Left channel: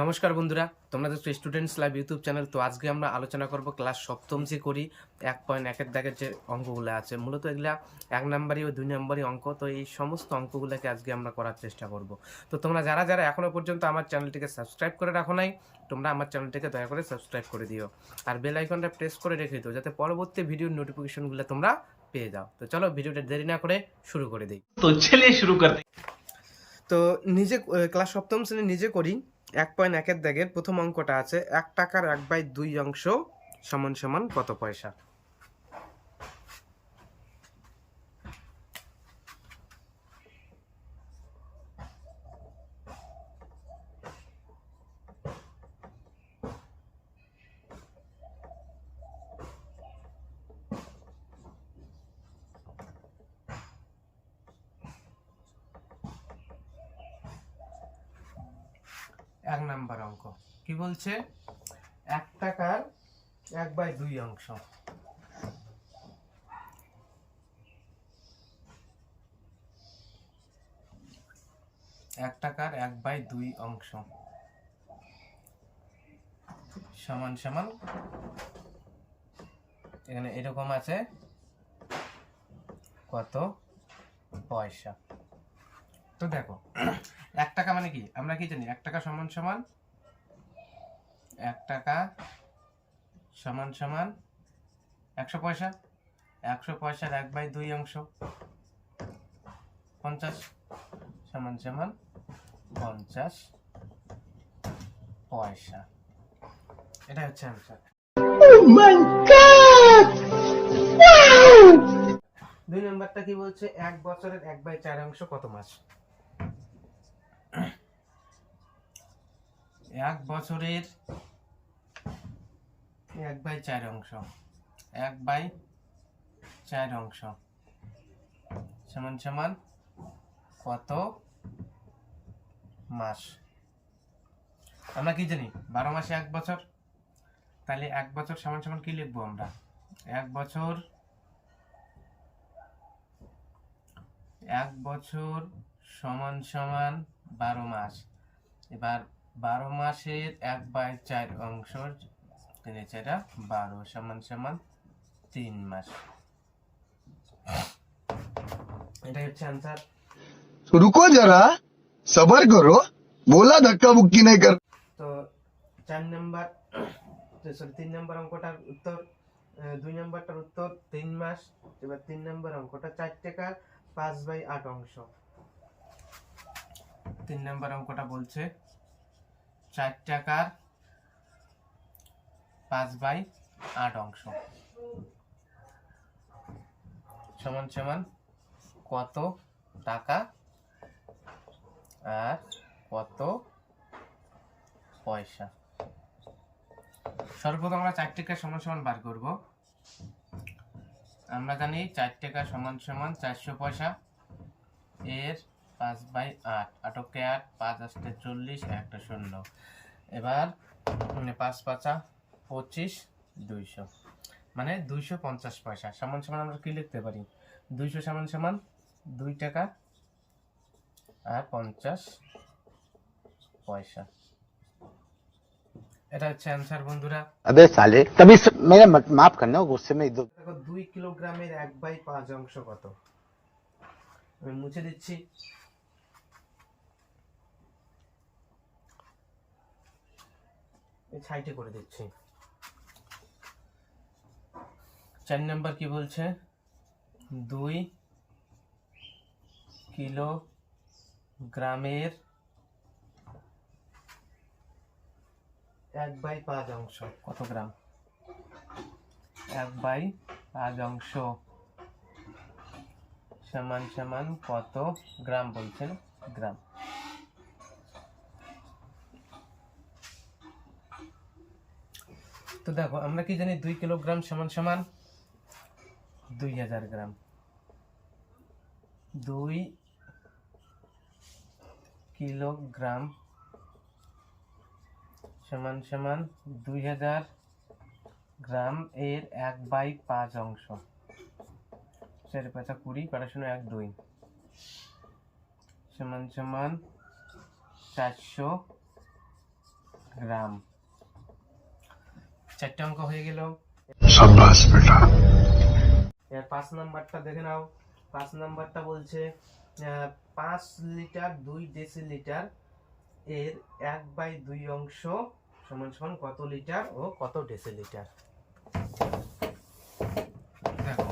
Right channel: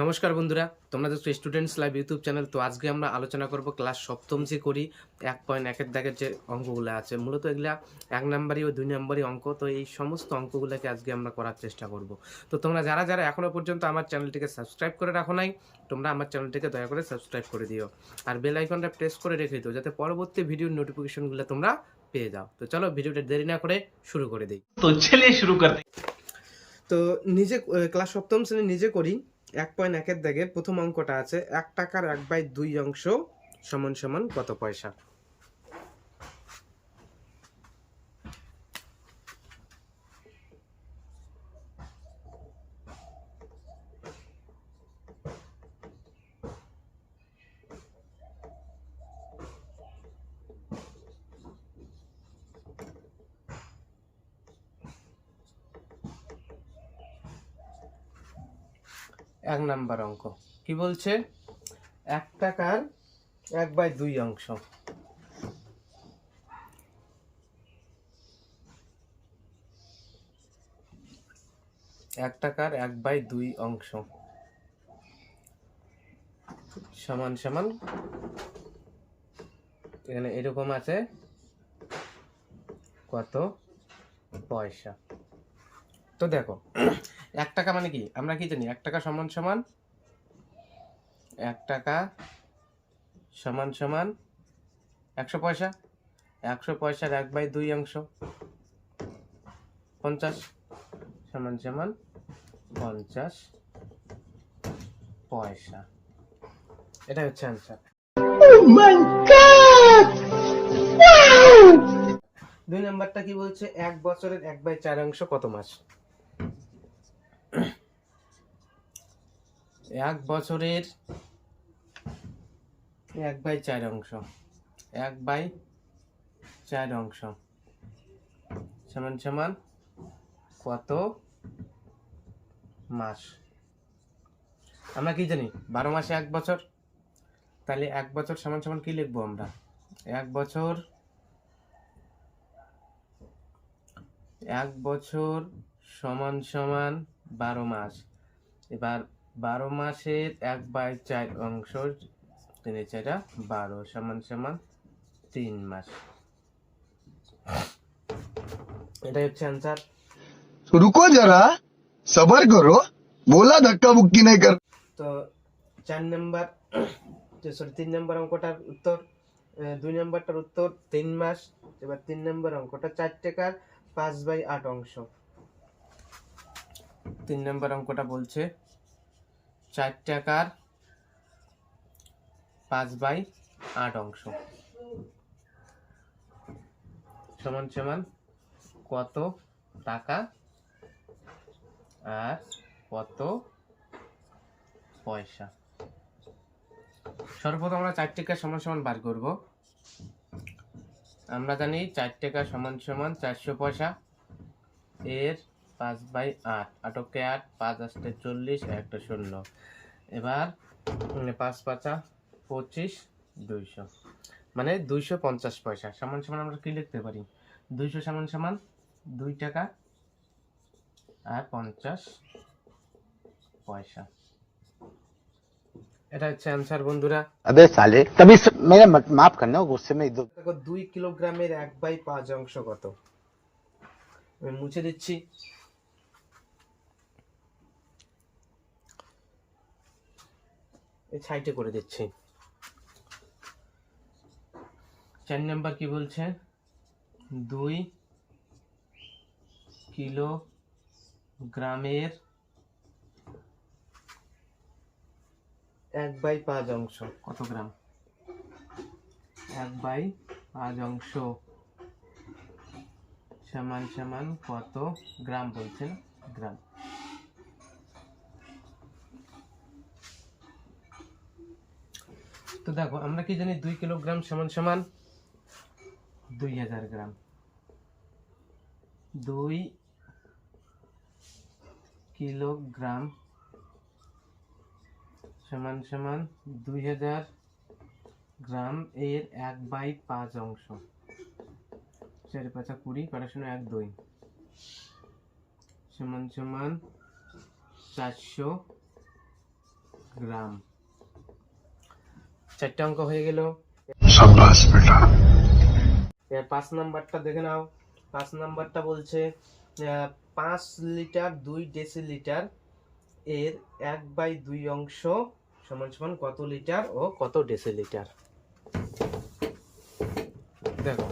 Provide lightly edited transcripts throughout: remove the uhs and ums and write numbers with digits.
নমস্কার বন্ধুরা, তোমরা দেখছো স্টুডেন্টস লাইভ ইউটিউব চ্যানেল। তো আজকে আমরা আলোচনা করব ক্লাস সপ্তম যে করি 1.1-এর দাগের যে অঙ্কগুলো আছে। মূলত এগুলা 1 নাম্বারই ও 2 নাম্বারই অঙ্ক। তো এই সমস্ত অঙ্কগুলোকে আজকে আমরা করার চেষ্টা করব। তো তোমরা যারা যারা এখনও পর্যন্ত আমার চ্যানেলটিকে সাবস্ক্রাইব করে রাখো নাই, তোমরা আমার চ্যানেলটিকে দয়া করে সাবস্ক্রাইব করে দিও আর বেল আইকনটা প্রেস করে রেখে দিও, যাতে পরবর্তী ভিডিওর নোটিফিকেশনগুলো তোমরা পেয়ে যাও। তো চলো ভিডিওটা দেরি না করে শুরু করে দিই। तो चलिए शुरू करते हैं। তো নিজে ক্লাস সপ্তম শ্রেণী নিজে করি 1.1-এর দাগের প্রথম অঙ্কটা আছে 1 টাকার 1/2 অংশ সমান সমান কত পয়সা। এক নাম্বার অঙ্ক কি বলছে? 1 টাকার 1/2 অংশ। এক টাকার 1/2 অংশ সমান সমান এখানে এরকম আছে কত পয়সা। তো দেখো 1 টাকা মানে কি, আমরা কি জানি 1 টাকা সমান সমান 1 টাকা সমান সমান 100 পয়সা। 100 পয়সার 1/2 অংশ 50 সমান সমান 50 পয়সা। এটা হচ্ছে answer. Oh my god! Wow! 2 নাম্বারটা কি বলছে? 1 বছরের 1/4 অংশ কত মাস? 1 বছরের 1/4 অংশ 1/4 অংশ সমান সমান কত মাস? আমরা কি জানি 12 মাসে 1 বছর। তাহলে 1 বছর সমান সমান কি লিখবো আমরা? 1 বছর 1 বছর সমান সমান 12 মাস। এবার 12 মাসের 1/4 অংশ 3/4 12 সমান সমান 3 মাস। এটাই হচ্ছে आंसर। रुको जरा सबर करो बोला धक्का मुक्की नहीं कर। তো 4 নাম্বার সরি 3 নাম্বার অঙ্কটার উত্তর 2 নাম্বারটার উত্তর 3 মাস। এবার 3 নাম্বার অঙ্কটা 4 টাকার 5/8 অংশ। 3 নাম্বার অঙ্কটা বলছে 4 টাকার 5/8 অংশ সমান সমান কত টাকা আর কত পয়সা। সর্বপ্রথম আমরা 4 টাকা সমান সমান বার করব। আমরা জানি 4 টাকা সমান সমান 400 পয়সা এর 5/8 8 8 5 8 40 একটা শূন্য। এবার 5 5 25 200 মানে 250 পয়সা সমান সমান আমরা কি লিখতে পারি? 200 সমান সমান 2 টাকা আর 50 পয়সা। এটা হচ্ছে आंसर বন্ধুরা। अबे साले तभी मेरा माफ करना गुस्से में इधर। দেখো 2 কিলোগ্রামের 1/5 অংশ কত? আমি মুছে দিচ্ছি। এই সাইডে করে দিচ্ছি। 4 নাম্বার কি বলছে? 2 কিলোগ্রামের 1/5 অংশ কত গ্রাম? 1/5 অংশ সমান সমান কত গ্রাম বলছেন? গ্রাম। তো দেখো আমরা কি জানি 2 কিলোগ্রাম সমান সমান 2000 গ্রাম। 2 কিলোগ্রাম সমান সমান 2000 গ্রাম এর 1/5 অংশ 4 5 20 কাটা শূন্য 1 2 সমান সমান 400 গ্রাম। 4টে অঙ্ক হয়ে গেল। शाबाश बेटा। এর 5 নাম্বারটা দেখে নাও। 5 নাম্বারটা বলছে 5 লিটার 2 ডেসিলিটার এর 1/2 অংশ সমান সমান কত লিটার ও কত ডেসিলিটার। দেখো,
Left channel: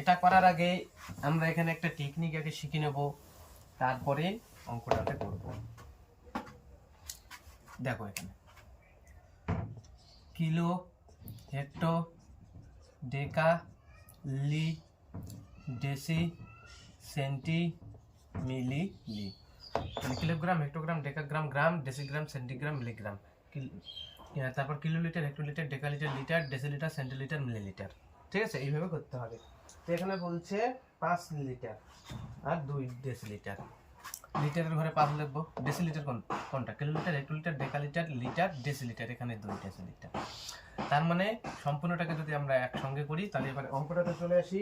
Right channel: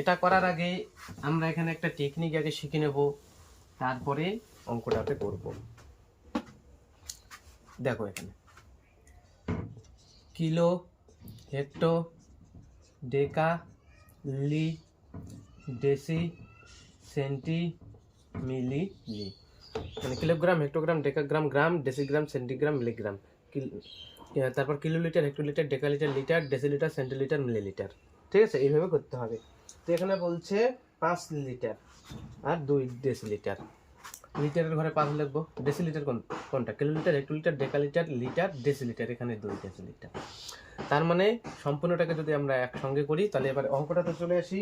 এটা করার আগে আমরা এখানে একটা টেকনিক আগে শিখে নেব, তারপরে অঙ্কটাতে করব। দেখো এখানে কিলো, হেক্টো, ডেকা, লি, ডেসি, সেন্টি, মিলি, লি। কিলোগ্রাম, হেক্টোগ্রাম, ডেকাগ্রাম, গ্রাম, ডেসিগ্রাম, সেন্টিগ্রাম, মিলিগ্রাম। তারপর kilolitre, hectolitre, decalitre, litre, decilitre, centilitre, millilitre. ঠিক আছে, এইভাবে করতে হবে। তো এখানে বলছে 5 লিটার আর 2 ডেসিলিটার। লিটারের ঘরে 5 লিখবো। ডেসিলিটার কোনটা? Kilolitre, hectolitre, decalitre, litre, decilitre. এখানে 2 ডেসিলিটার। তার মানে সম্পূর্ণটাকে যদি আমরা একসঙ্গে করি, তাহলে এবার অঙ্কটাতে চলে আসি।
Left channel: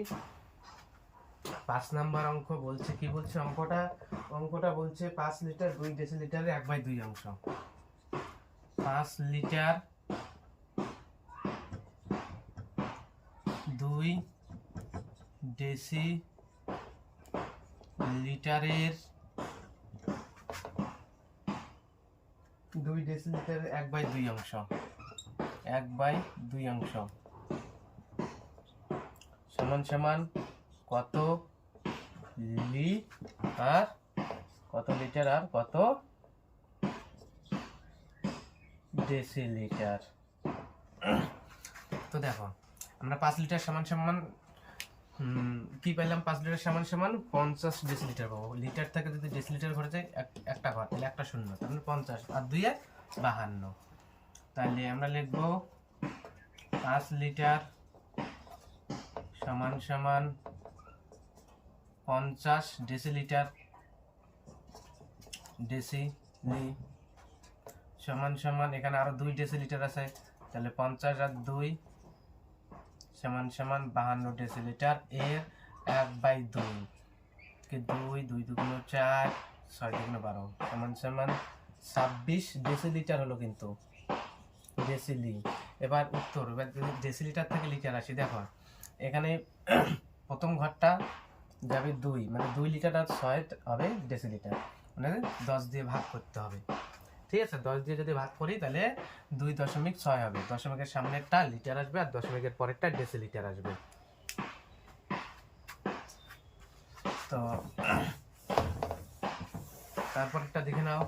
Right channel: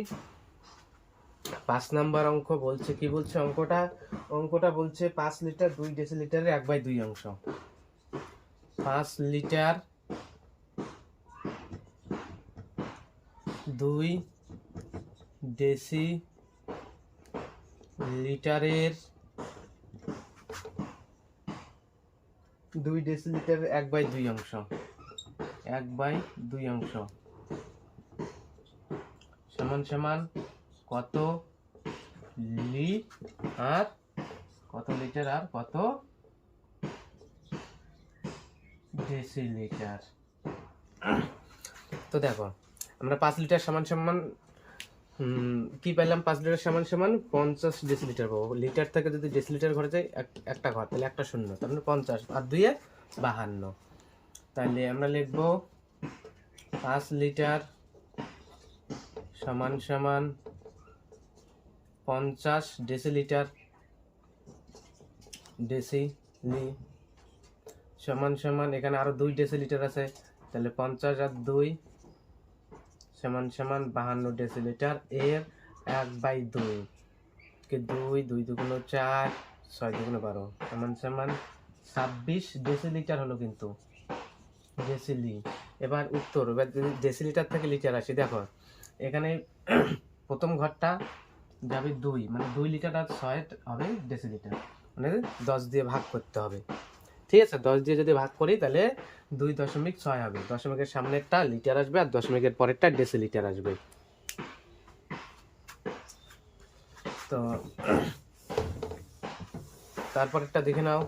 5 নাম্বার অঙ্ক বলছে, কি বলছে অঙ্কটা বলছে 5 লিটার 2 ডেসিলিটারের 1/2 অংশ। 5 লিটার 2 ডেসি লিটারের 2 ডেসিলিটারের 1/2 অংশ। 1/2 অংশ সমান সমান কত লি আর কত লিটার আর কত ডেসিলিটার। তো দেখো, আমরা 5 লিটার সমান সমান কি পাইলাম? 5 লিটার সমান সমান 50 ডেসিলিটার পাবো। লিটার থেকে যদি ডেসিলিটার ঘরে যায় একটা ঘর, তাহলে একটা শূন্য, তার মানে 50 আর 2 এ 52। তাহলে আমরা লিখবো 5 লিটার সমান সমান 50 ডেসিলিটার, ডেসিলি সমান সমান, এখানে আরো 2 ডেসিলিটার আছে, তাহলে 50 আর 2 সমান সমান 52 ডেসিলিটার এর 1/2 কে 2 2 দুগুণ 4 6 দুগুণ 12 সমান সমান 26 ডেসিলিটার হলো কিন্তু ডেসিলি। এবার উত্তর, এবার যদি ডেসিলিটার থেকে লিটার আসি, দেখো এখানে প্রথম ঘরটা যাবে 2, মানে 2 লিটার আর 6 হবে ডেসিলিটার, মানে 10 দিয়ে ভাগ করতে হবে। ঠিক আছে, 10 দিয়ে যদি ভাগ করি তাহলে 2.6 হবে। দশমিকের সামনেরটা লিটার আসবে আর দশমিকের পরেরটা ডেসিলিটার আসবে। তো তারপরেরটা দেখে নাও।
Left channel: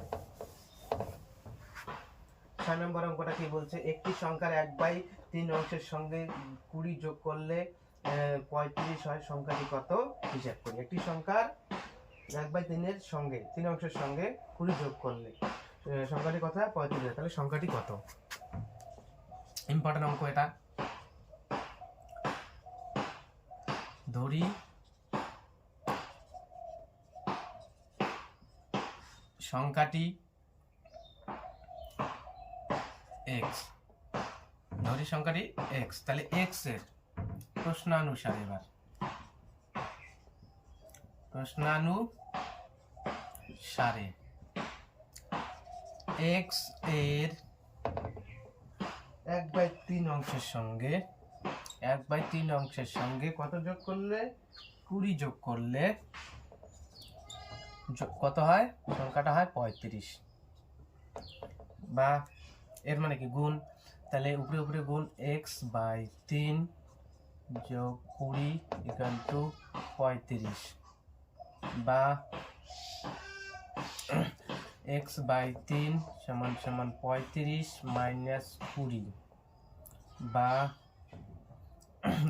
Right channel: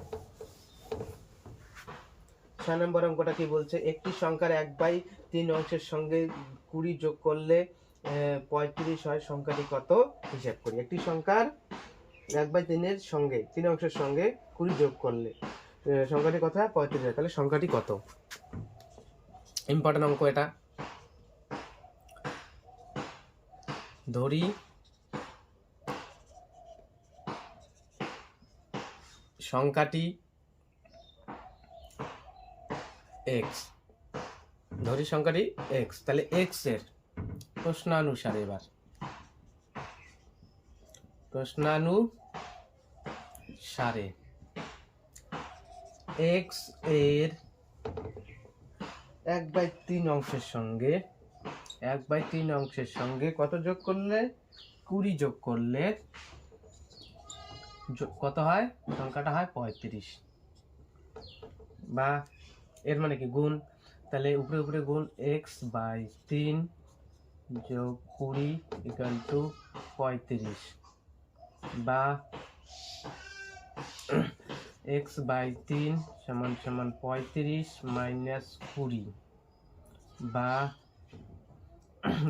6 নম্বর অঙ্কটা কি বলছে? একটি সংখ্যার 1/3 অংশের সঙ্গে 20 যোগ করলে 35 হয়, সংখ্যাটি কত? হিসাব করি। একটি সংখ্যার 1/3 এর সঙ্গে 3 অংশের সঙ্গে 20 যোগ করলে সংখ্যাটি কত হয়? 35 হয়। তাহলে সংখ্যাটি কত? ইম্পর্টেন্ট অঙ্ক এটা। ধরি সংখ্যাটি x, ধরি সংখ্যাটি x, তাহলে x এর প্রশ্নানুসারে, এবার প্রশ্নানুসারে x এর 1/3 অংশের সঙ্গে 1/3 অংশের সঙ্গে কত যোগ করলে? 20 যোগ করলে কত হয়? সংখ্যাটা হয় 35। বা এর মানে কি? গুণ। তাহলে উপরে উপরে গুণ, x/3 যোগ 20 ইকুয়াল টু 35, বা x/3 সমান সমান 35 মাইনাস 20, বা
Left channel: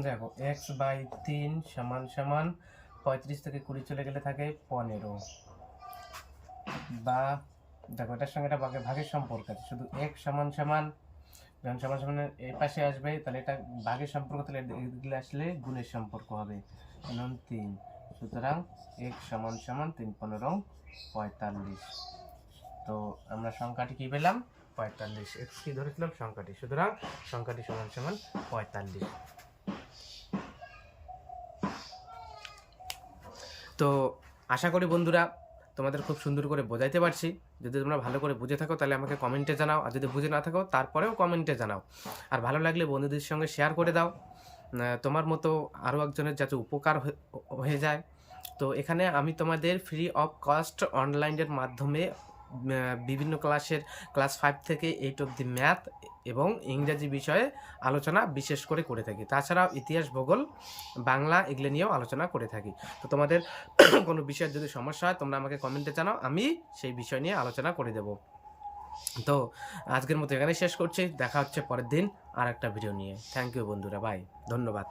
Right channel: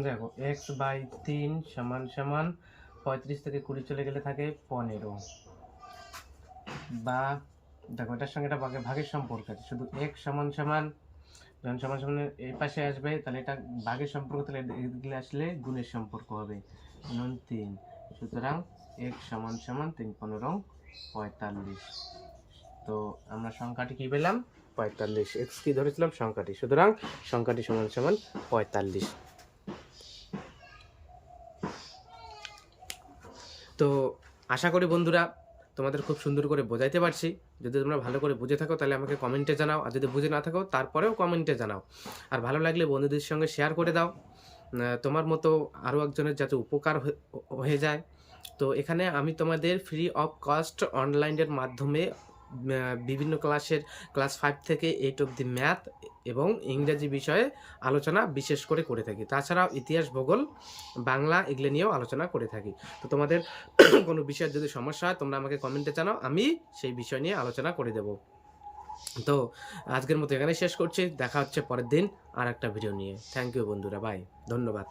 দেখো x/3 সমান সমান 35 থেকে 20 চলে গেলে থাকে 15, বা দেখো এটার সঙ্গে এটা ভাগের সম্পর্ক আছে, শুধু x সমান সমান যখন সমান সমান এই পাশে আসবে তাহলে এটা ভাগের সম্পর্ক, তাহলে এদিকে আসলে গুণের সম্পর্ক হবে, কারণ 3। সুতরাং x সমান সমান 3 15 45। তো আমরা সংখ্যাটি কি পেলাম? 45। x কি ধরেছিলাম? সংখ্যাটি। সুতরাং সংখ্যাটি সমান সমান 45। তো আশা করি বন্ধুরা তোমাদের খুব সুন্দর করে বোঝাইতে পারছি। যদি তোমরা ভালো করে বুঝে থাকো তাহলে আমাকে কমেন্টে জানাও, আর যদি বুঝে না থাকো তারপরেও কমেন্টে জানাও। আর ভালো লাগলে বন্ধুদের সঙ্গে শেয়ার করে দাও, তোমার মতো আরও একজনের যাতে উপকার হয়ে যায়। তো এখানে আমি তোমাদের ফ্রি অফ কস্ট অনলাইনের মাধ্যমে বিভিন্ন ক্লাসের ক্লাস 5 থেকে 8 অবধি ম্যাথ এবং ইংরাজি বিষয়ে আলোচনা বিশেষ করে থাকি। তাছাড়াও ইতিহাস, ভূগোল, বাংলা এগুলো নিয়েও আলোচনা করে থাকি। তো তোমাদের কোনো বিষয়ের যদি সমস্যা হয় তোমরা আমাকে কমেন্টে জানাও, আমি সেই বিষয় নিয়ে আলোচনা করে দেব। তো আজকের মতো এখানে শেষ করছি, দেখা হচ্ছে পরের দিন আর একটা ভিডিও নিয়ে। থ্যাংক ইউ বন্ধুরা, বাই, ধন্যবাদ।